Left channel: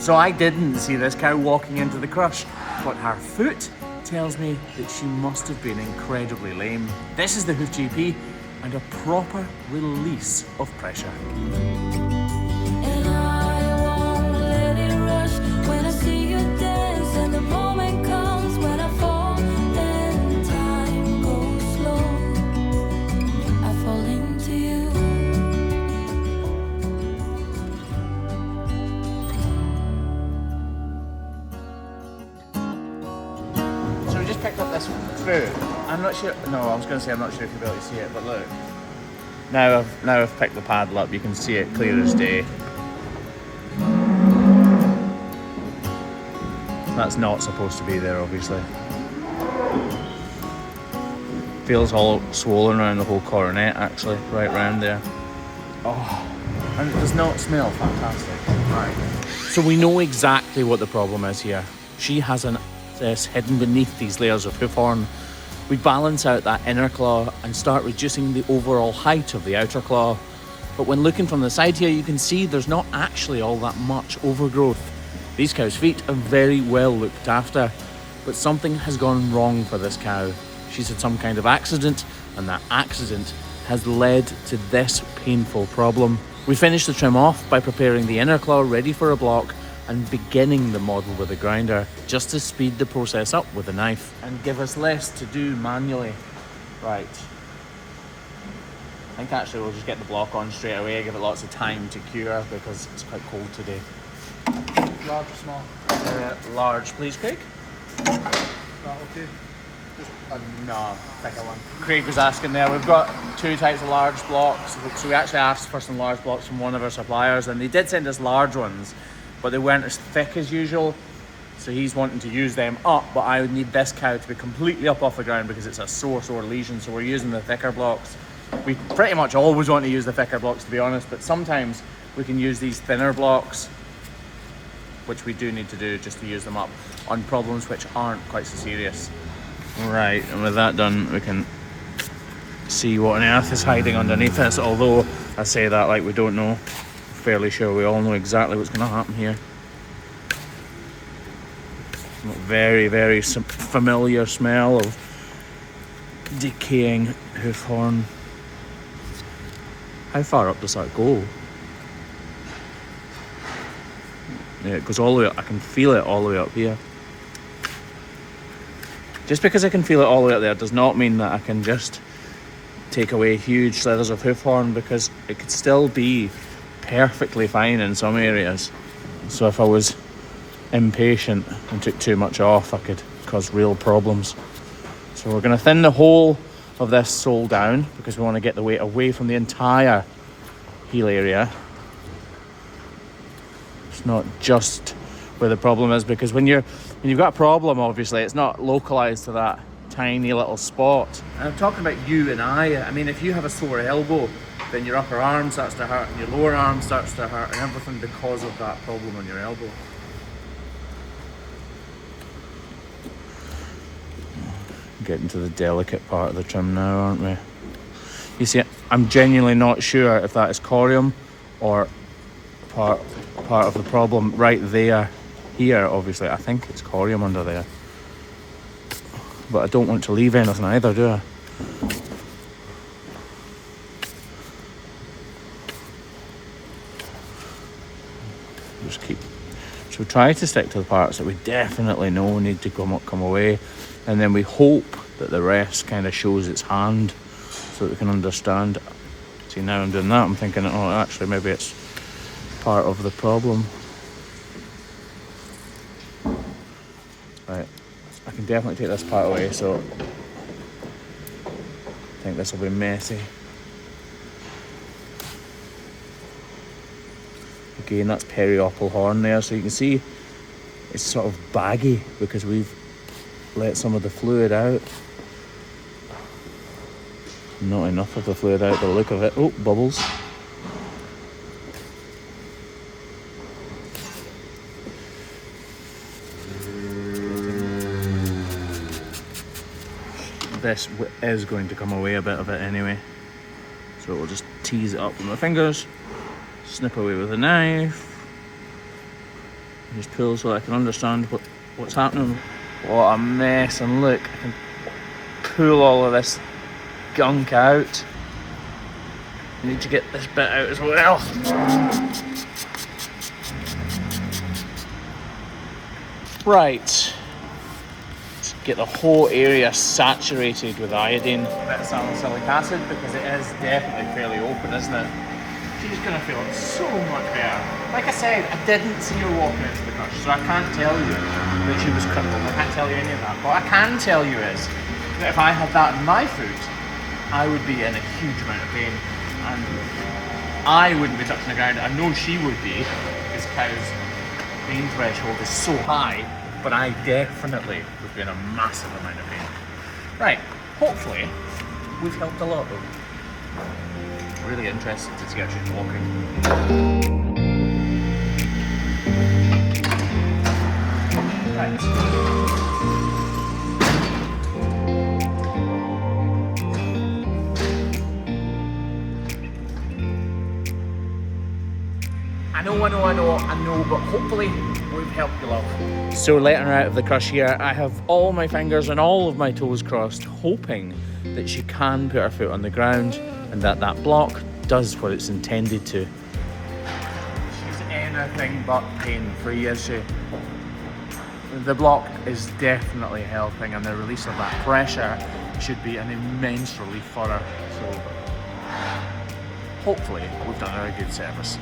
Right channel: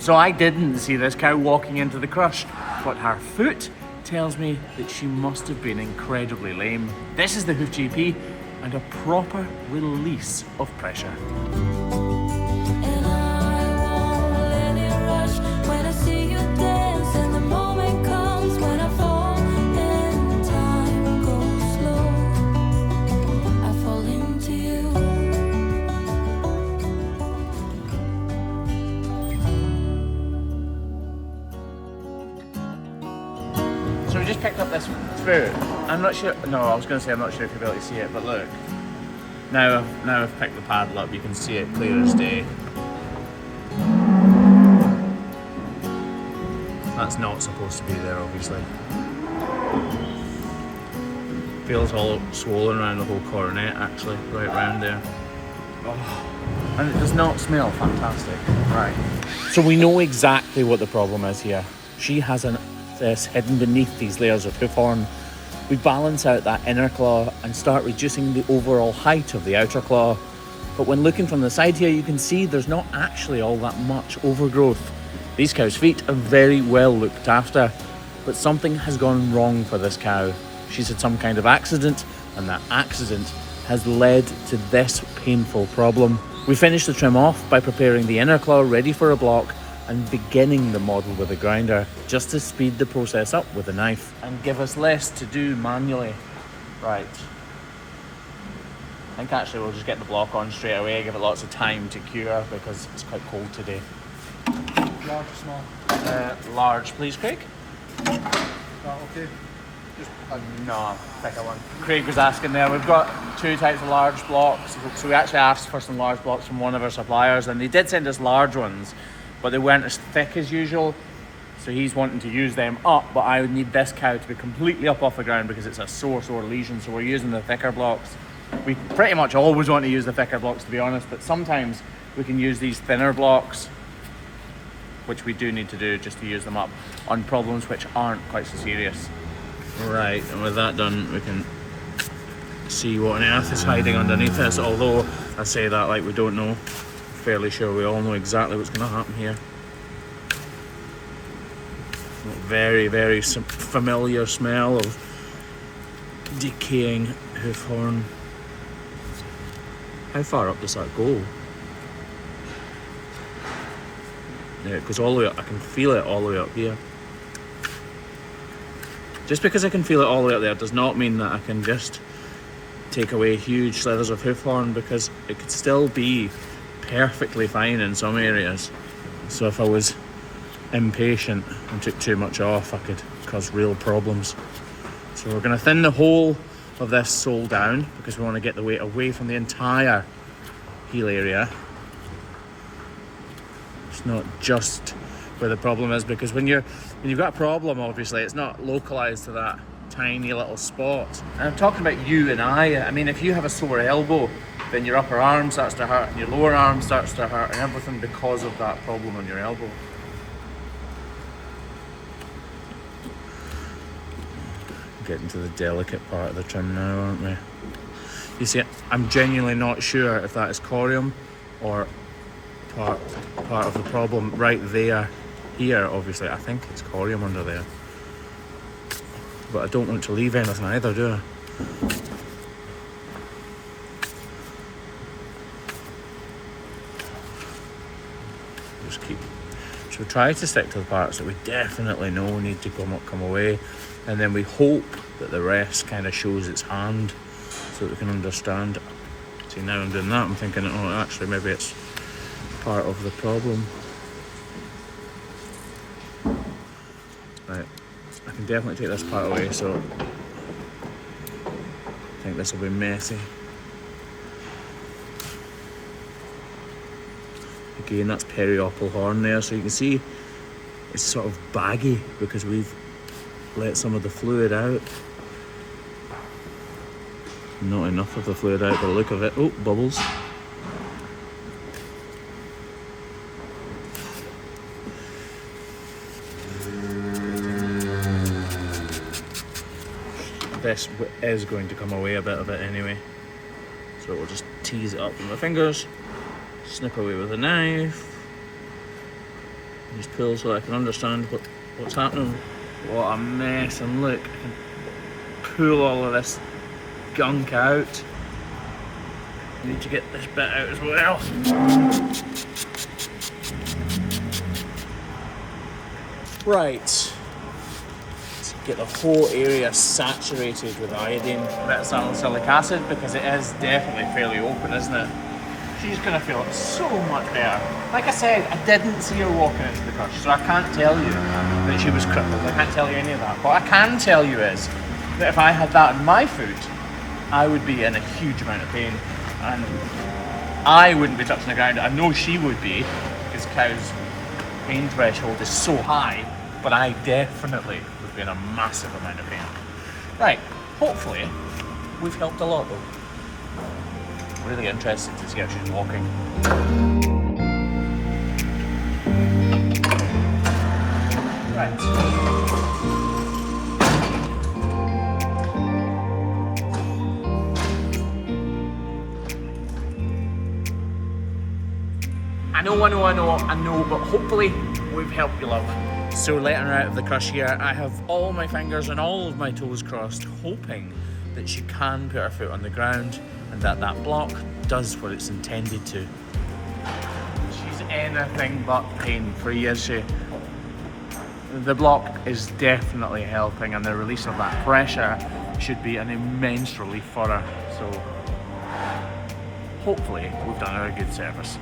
So I didn't see this cow walking into the crush, but her foot tells me that she must have been incredibly lame. This is the Hoof GP and a proper release of pressure. And I won't let it rush when I see you dance, and the moment comes when I fall and time goes slow. I fall into you. So we just picked up this food. I'm not sure, no, I was going to say I'm not sure if you'll be able to see it, but look. Now I've picked the paddle up, you can see it clear as day. That's not supposed to be there, obviously. Feels all swollen around the whole coronet, actually, right around there. Oh, and it does not smell fantastic. Right. So we know exactly what the problem is here. She has this hidden beneath these layers of hoof horn. We balance out that inner claw and start reducing the overall height of the outer claw. But when looking from the side here, you can see there's not actually all that much overgrowth. These cow's feet are very well looked after, but something has gone wrong for this cow. She's had some kind of accident, and that accident has led to this painful problem. We finish the trim off by preparing the inner claw ready for a block and beginning the model with a grinder, just to speed the process up with a knife and give us less to do manually. Right. I think actually we'll just get the block on straight away, give it lots of time to cure because it's quite cold today. Large or small? Large, please, Craig. Right, okay. Just No, thicker one. Craig was asking there, we've got two types of large blocks. So we actually asked for some large blocks from one of our suppliers, and they did send us large ones, but they weren't as thick as usual. So he's wanting to use them up, but I would need this cow to be completely up off the ground because it's a sore lesion. So we're using the thicker blocks. We pretty much always want to use the thicker blocks, to be honest, but sometimes we can use these thinner blocks, which we do need to do just to use them up on problems which aren't quite so serious. Right, and with that done, we can see what on earth is hiding underneath us, although I say that like we don't know. Fairly sure we all know exactly what's going to happen here. Very, very familiar smell of decaying hoof horn. How far up does that go? Yeah, it goes all the way up. I can feel it all the way up here. Just because I can feel it all the way up there does not mean that I can just take away huge slithers of hoof horn, because it could still be perfectly fine in some areas. So if I was impatient and took too much off, I could cause real problems. So we're going to thin the whole of this sole down because we want to get the weight away from the entire heel area. It's not just where the problem is, because when you've got a problem, obviously it's not localized to that tiny little spot. And I'm talking about you and I mean, if you have a sore elbow, then your upper arm starts to hurt and your lower arm starts to hurt, and everything because of that problem on your elbow. Getting to the delicate part of the trim now, aren't we? You see, I'm genuinely not sure if that is corium or part of the problem right there. Here, obviously, I think it's corium under there. But I don't want to leave anything either, do I? Just keep. So try to stick to the parts that we definitely know need to come away, and then we hope that the rest kind of shows its hand so that we can understand. See, now I'm doing that, I'm thinking, oh, actually maybe it's part of the problem. Right, I can definitely take this part away, so I think this will be messy. Again, that's periople horn there, so you can see it's sort of baggy because we've let some of the fluid out. Not enough of the fluid out by the look of it. Oh, bubbles. This is going to come away a bit of it anyway, so we'll just tease it up with my fingers, snip away with a knife. Just pull so I can understand what's happening. What a mess, and look, I can pull all of this gunk out. I need to get this bit out as well. Right. Let's get the whole area saturated with iodine. A bit of salicylic acid, because it is definitely fairly open, isn't it? She's gonna feel so much better. Like I said, I didn't see her walking into the crush, so I can't tell you that she was crippled. I can't tell you any of that. What I can tell you is that if I had that in my foot, I would be in a huge amount of pain, and I wouldn't be touching the ground. I know she would be, because Cow's pain threshold is so high, but I definitely would be in a massive amount of pain. Right, hopefully we've helped a lot though. Really interested to see how she's walking. Right. I know, but hopefully we've helped you, love. So letting her out of the crush here, I have all my fingers and all of my toes crossed, hoping that she can put her foot on the ground and that block does what it's intended to. She's anything but pain-free, is she? The block is definitely helping, and the release of that pressure should be an immense relief for her. So hopefully we've done her a good service.